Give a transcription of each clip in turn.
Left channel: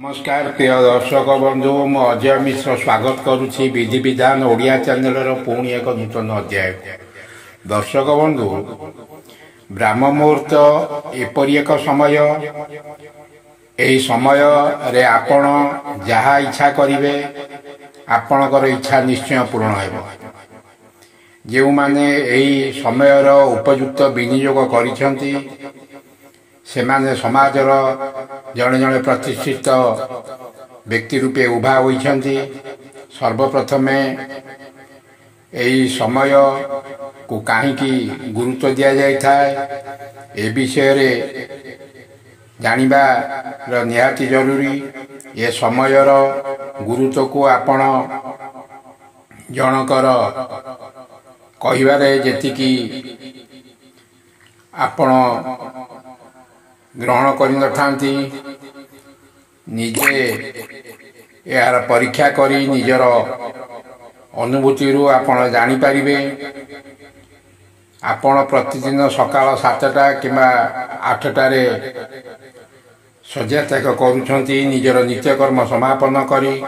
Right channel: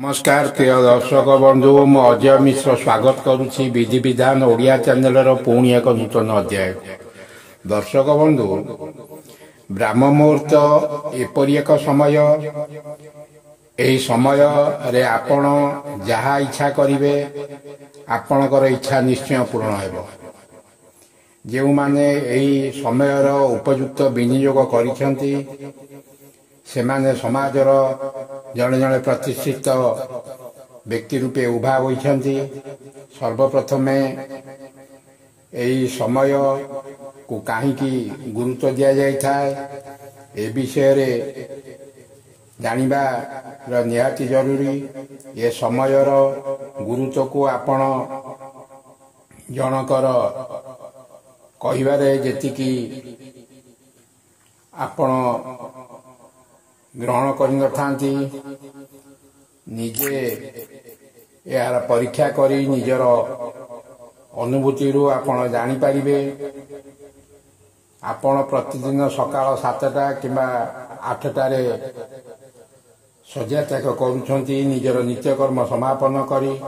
नमस्कार प्रिय दर्शक बंधु मु अजय मिश्र स्वागत करुच्ची विधि विधान ओडिया चैनल पुणी एक नूतन अध्याय। दर्शक बंधु ब्राह्म मुहूर्त एपरी एक समय यही समय रे आपण जहा इच्छा करिवे आपणकर इच्छा निश्चय पूर्ण हेबो। जो माने यही समयर उपयुक्त विनियोग करिसेंती सेमाने समाजर जड़े जड़े प्रतिष्ठित व्यक्ति रूपे उभा होइछंती। सर्वप्रथमे यही समय को कहीं गुरुत्व दि जाए ए विषय रे जानिबा निहाती जरूरी। ये समयर गुरुत्व को आपण जनकर कहिबारे जेतिकी आपण ग्रहण करथांती निजे यार परीक्षा करी निजर अनुभूति रू आपण जानी पारिबे। आपण प्रतिदिन सकाळ 7टा किंबा 8टारे शଯ୍ୟା त्याग करूछंती निजर नित्यकर्म समापन करी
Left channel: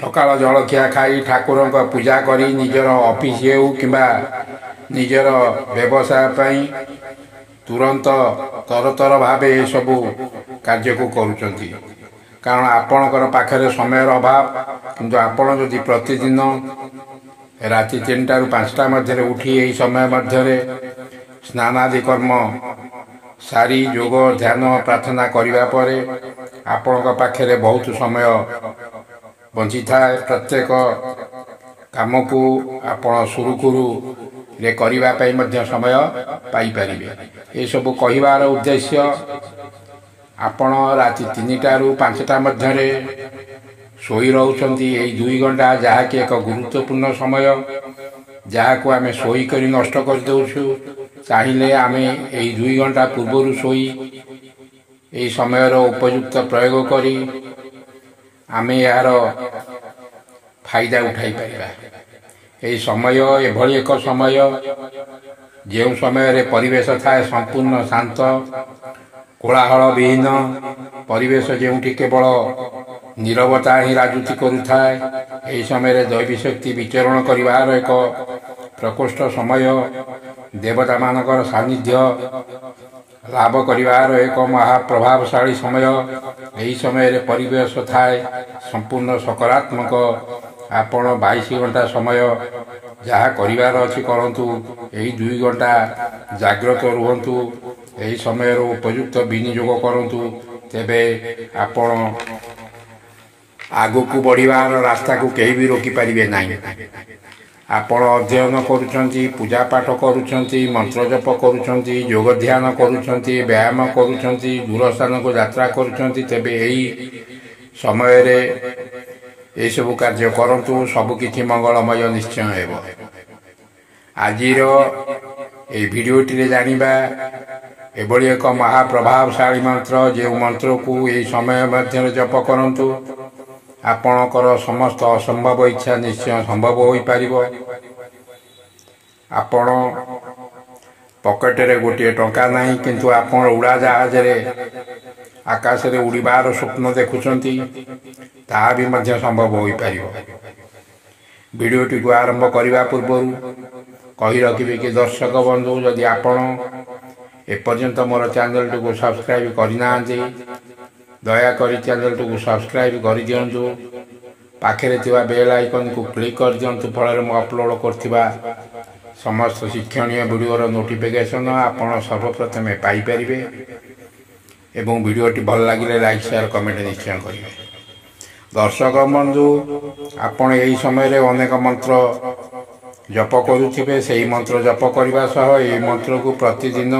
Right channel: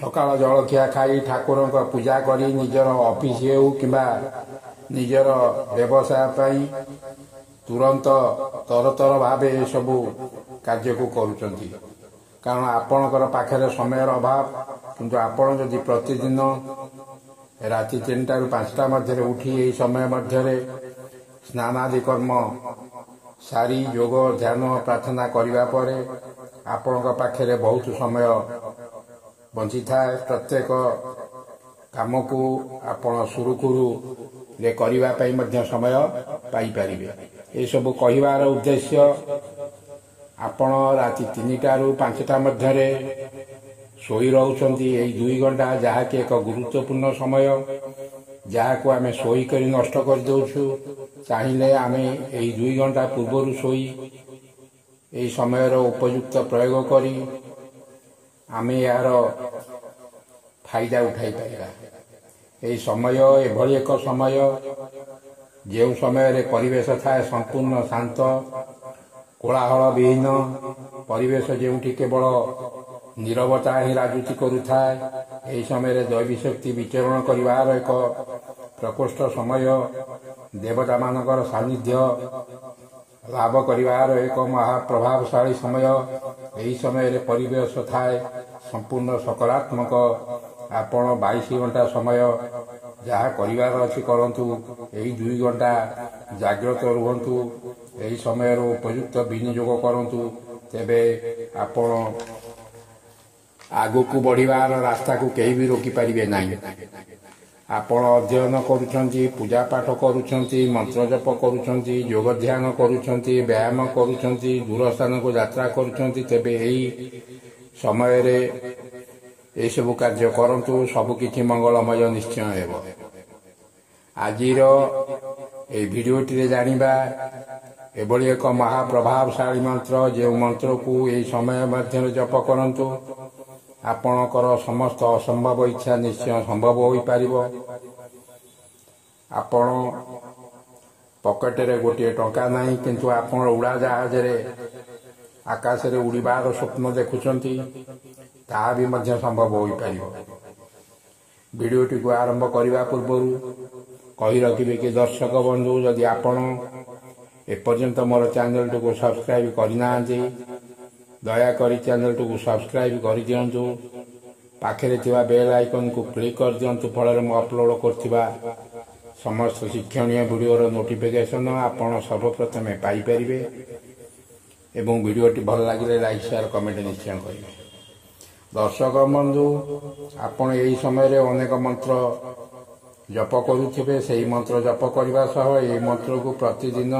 सकाळ जलखिया खाई ठाकुर पूजा करी निजर ऑफिस हो किंबा निजर व्यवसाय पाई तुरंत तरतर भावे ये सबू कार्य को करुचंती। कारण आपणकर पाखरे समय अभाव किंतु आपण जदि प्रतिदिन राति 3टा ରୁ 5टा मध्य उठी यही समय मध्य स्नानादि कर्म सारी योग ध्यान प्रार्थना करने परे आपण पाखरे बहुत समय बंची थाए। प्रत्येक काम को आपण सुरुखुरु रे करिबा पई मध्य समय पाई परिबे। ये सब कहिबार उद्देश्य आपण राति 3टा ରୁ 5टा मध्य सोई रहउछंती। एई 2 घंटा जहा कि एक गुरुत्वपूर्ण समय जहा को आमे सोई करी नष्ट कर देउछु। चाहिले आमे एई 2 घंटा पूर्व सोई एई समय रो उपयुक्त प्रयोग करी आमे यार फायदा उठाई पाइबा। एई समय एभली एक समय जो समय रे परिवेश थाए संपूर्ण शांत कोलाहल विहीन परिवेश जेउठी केवल नीरवता ही राजूति करुथाए। एही समय दैवी शक्ति विचरण करिवार एक प्रकोष्ठ समय देवता मानकर सानिध्य लाभ करिवार एक महाप्रभावशाली समय। एही समय परिवेश थाए संपूर्ण सकारात्मक। आपण 22 घंटा समय जहाँ करिवार अछि करंतु यही 2 घंटा जागृत रुहंतु। यही समय उपयुक्त विनियोग करंतु तेबे आपण आगु को बढ़िवार रास्ता को कहीं भी रोकी पारिबे नहीं। आपण अध्ययन करुछंती पूजा पाठ करुछंती मंत्र जप करुछंती योग ध्यान करुछंती व्यायाम करुछंती दूर स्थान को यात्रा करुछंती तेबे यही समय रे ये सब कार्य करंतु सबकिछि मंगलमय निश्चय हेबो। आजिर ए भिडियोटी जानिबा एभली एक महाप्रभावशाली मंत्र जो मंत्र को यही समय मध्य जप करंतु आपणकर समस्त असंभव इच्छा निश्चय संभव हो पारिबो। आपण पॉकेट रे गोटे टंका नहीं किंतु आपण उड़ा जहाज रे आकाश रे उड़ीबार स्वप्न देखुछंती ता भी मध्य संभव हो पारिबो। वीडियोटी को आरंभ करने पूर्व कही रखिए कि दर्शक बंधु जदि आपण एपर्यंत मोर चैनल को सब्सक्राइब करना दयाकोरी चैनल को सब्सक्राइब कर दिंतु। पाखे बेल आइकन को क्लिक कर दिंतु फल मु अपलोड कर समस्त शिक्षणीय वीडियोर नोटिफिकेशन आपण सर्वप्रथमे पाइपर। एवं वीडियोटी भल लगे लाइक शेयर कमेंट निश्चय करेंगे। दर्शक बंधु आपण यही समय अनेक मंत्र जप करुथिबे। से मंत्र जप करने सह ये मंत्र को प्रतिदिन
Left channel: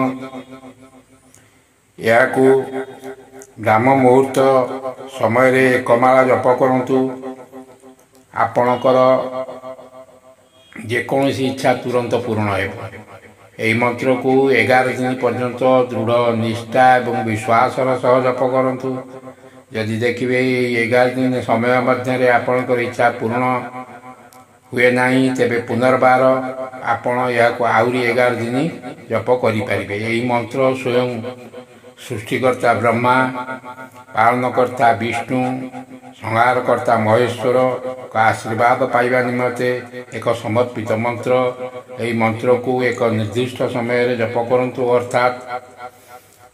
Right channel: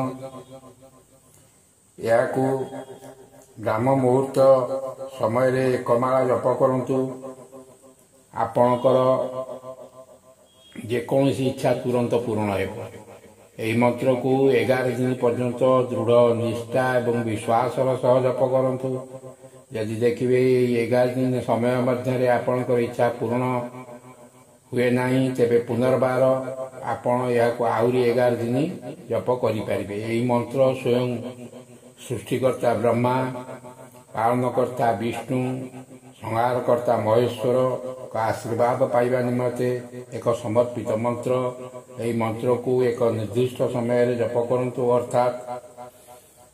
या ब्राह्म मुहूर्त समय एकमाला जप करंतु। आपणकर जेकोसी इच्छा तुरंत पूर्ण हेबो। यही मंत्र को 11 दिन पर्यंत दृढ़ निष्ठा एवं विश्वास सह जप करंतु। यदि देखिए 11 दिन समय मध्य आपणकर इच्छा पूर्ण हुए नहीं तेबे पुनर्बार आपण या आहरी 11 दिन जप करि पारिबे। यही मंत्र स्वयं ସୃଷ୍ଟିକର୍ତ୍ତା ବ୍ରହ୍ମା, ପାଳନକର୍ତ୍ତା ବିଷ୍ଣୁ, ସଂହାରକର୍ତ୍ତା ମହେଶ୍ୱରଙ୍କ ଆଶୀର୍ବାଦ ପାଇବା ନିମନ୍ତେ ଏକ ସମର୍ପିତ ମନ୍ତ୍ର। ଏହି ମନ୍ତ୍ରକୁ ଏକ ନିର୍ଦ୍ଦିଷ୍ଟ ସମୟରେ ଜପ କରନ୍ତୁ। ଅର୍ଥାତ୍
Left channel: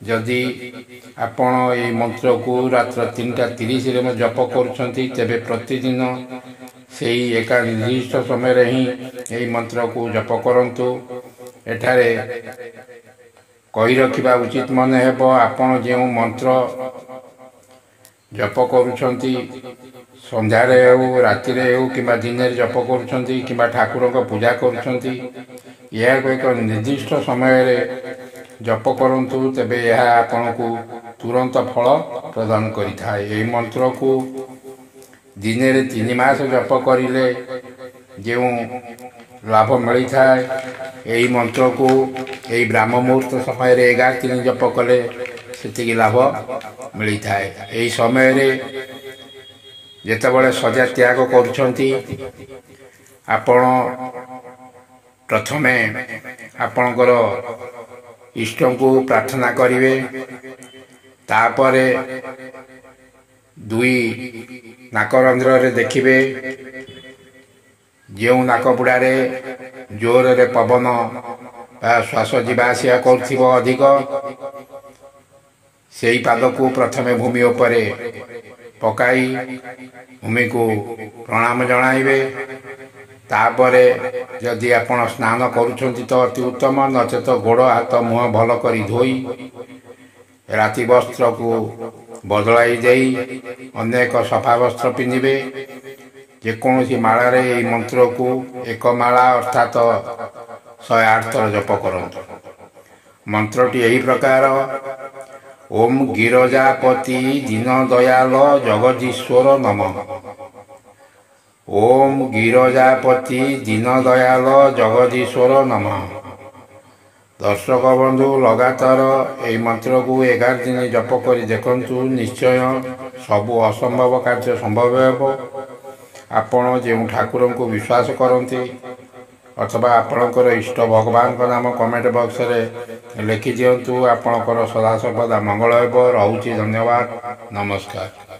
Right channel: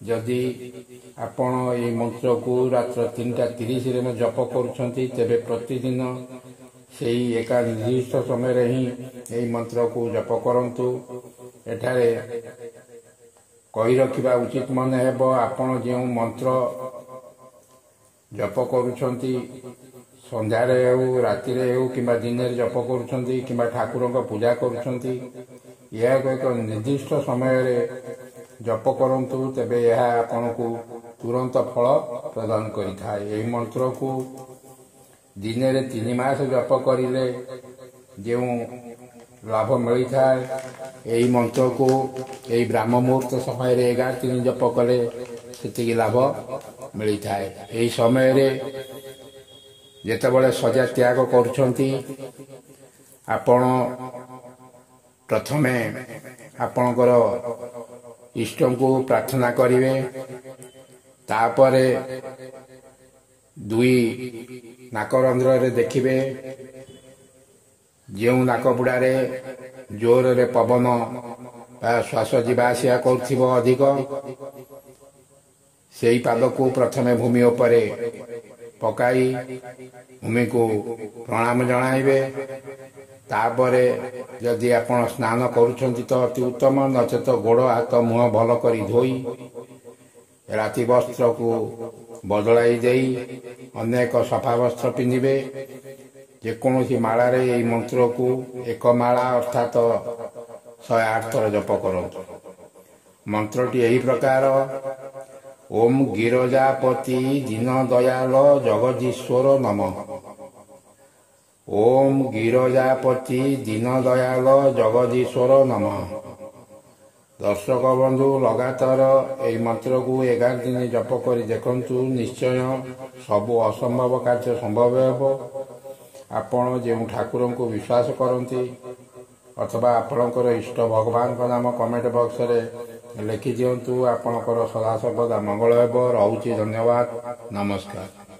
ଯଦି ଆପଣ ଏହି ମନ୍ତ୍ରକୁ ରାତ୍ର 3:30 ଜପ କରୁଛନ୍ତି, ତେବେ ପ୍ରତିଦିନ ସେହି ଏକା ନିର୍ଦ୍ଦିଷ୍ଟ ସମୟରେ ହିଁ ଏହି ମନ୍ତ୍ରକୁ ଜପ କରନ୍ତୁ। ଏଠାରେ କହି ରଖିବା ଉଚିତ ମନେ ହେବ, ଆପଣ ଯେଉଁ ମନ୍ତ୍ର ଜପ କରୁଛନ୍ତି, ସନ୍ଧ୍ୟାରେ ହେଉ, ରାତିରେ ହେଉ କିମ୍ବା ଦିନରେ ଜପ କରୁଛନ୍ତି କିମ୍ବା ଠାକୁରଙ୍କ ପୂଜା କରୁଛନ୍ତି, ଏହାକୁ ଏକ ନିର୍ଦ୍ଦିଷ୍ଟ ସମୟରେ ଜପ କରନ୍ତୁ। ତେବେ ଏହା ଆପଣଙ୍କୁ ତୁରନ୍ତ ଫଳ ପ୍ରଦାନ କରିଥାଏ। ଏହି ମନ୍ତ୍ରକୁ ଦିନରେ 3 ମାସ ଜପ କରିଲେ ଯେଉଁ ଲାଭ ମିଳିଥାଏ, ଏହି ମନ୍ତ୍ରକୁ ଏହି ବ୍ରାହ୍ମ ମୁହୂର୍ତ୍ତ ସମୟରେ 11 ଦିନ ଜପ କଲେ ସେତିକି ଲାଭ ମିଳିଥାଏ। ଏହି ସମୟରେ ଯେତେବେଳେ ଶଯ୍ୟା ତ୍ୟାଗ କରୁଛନ୍ତି, ଆପଣ ପ୍ରଥମେ ଆପଣଙ୍କର ଇଷ୍ଟଙ୍କୁ ପ୍ରାର୍ଥନା କରିବେ। ତାପରେ 2 ନାକରନ୍ଧ୍ରରେ ଦେଖିବେ। ଯେଉଁ ନାକପୁଡ଼ାରେ ଜୋରରେ ପବନ ଶ୍ୱାସ ଯିବା ଆସିବା କରୁଥିବ ଅଧିକ, ସେହି ପାଦକୁ ପ୍ରଥମେ ଭୂମି ଉପରେ ପକାଇ ଭୂମିକୁ ପ୍ରଣାମ ଜଣାଇବେ। ତାପରେ ଯଦି ଆପଣ ସ୍ନାନ କରୁଛନ୍ତି ତ ଅତି ଉତ୍ତମ, ନଚେତ ଗୋଡ଼ ହାତ ମୁହଁ ଭଲ କରି ଧୋଇ ରାତି ବସ୍ତ୍ରକୁ ବଦଳାଇ ଦେଇ ଅନ୍ୟ ଏକ ସଫା ବସ୍ତ୍ର ପିନ୍ଧିବେ। ଯେକୌଣସି ମାଳାରେ ଏହି ମନ୍ତ୍ରକୁ ଏକ ମାଳା ଅର୍ଥାତ୍ 108 ଥର ଜପ କରନ୍ତୁ। ମନ୍ତ୍ରଟି ଏହି ପ୍ରକାର: ଓମ୍ ଗିରଜାପତି ଦୀନ ଦୟାଲ ଜଗଦୀଶ୍ୱର ନମଃ। ଓମ୍ ଗିରଜାପତି ଦୀନ ଦୟାଲ ଜଗଦୀଶ୍ୱର ନମଃ। ଦର୍ଶକ ବନ୍ଧୁ, ଲଗାତାର ଏହି ମନ୍ତ୍ରକୁ 11 ଦିନ ଜପ କରି ଦେଖନ୍ତୁ। ନିଶ୍ଚୟ ସବୁ ଅସମ୍ଭବ କାର୍ଯ୍ୟ ସମ୍ଭବ ହେବ। ଆପଣ ଯେଉଁ ଠାକୁରଙ୍କୁ ବିଶ୍ୱାସ କରନ୍ତି ଅଥବା ଆପଣଙ୍କର ଇଷ୍ଟ ଭଗବାନଙ୍କ ନାମ କମେଣ୍ଟ ବକ୍ସରେ ଲେଖିଦିଅନ୍ତୁ। ଆପଣଙ୍କର ସଦାସର୍ବଦା ମଙ୍ଗଳ ହେବ। ରହୁଛି, ଧନ୍ୟବାଦ, ନମସ୍କାର।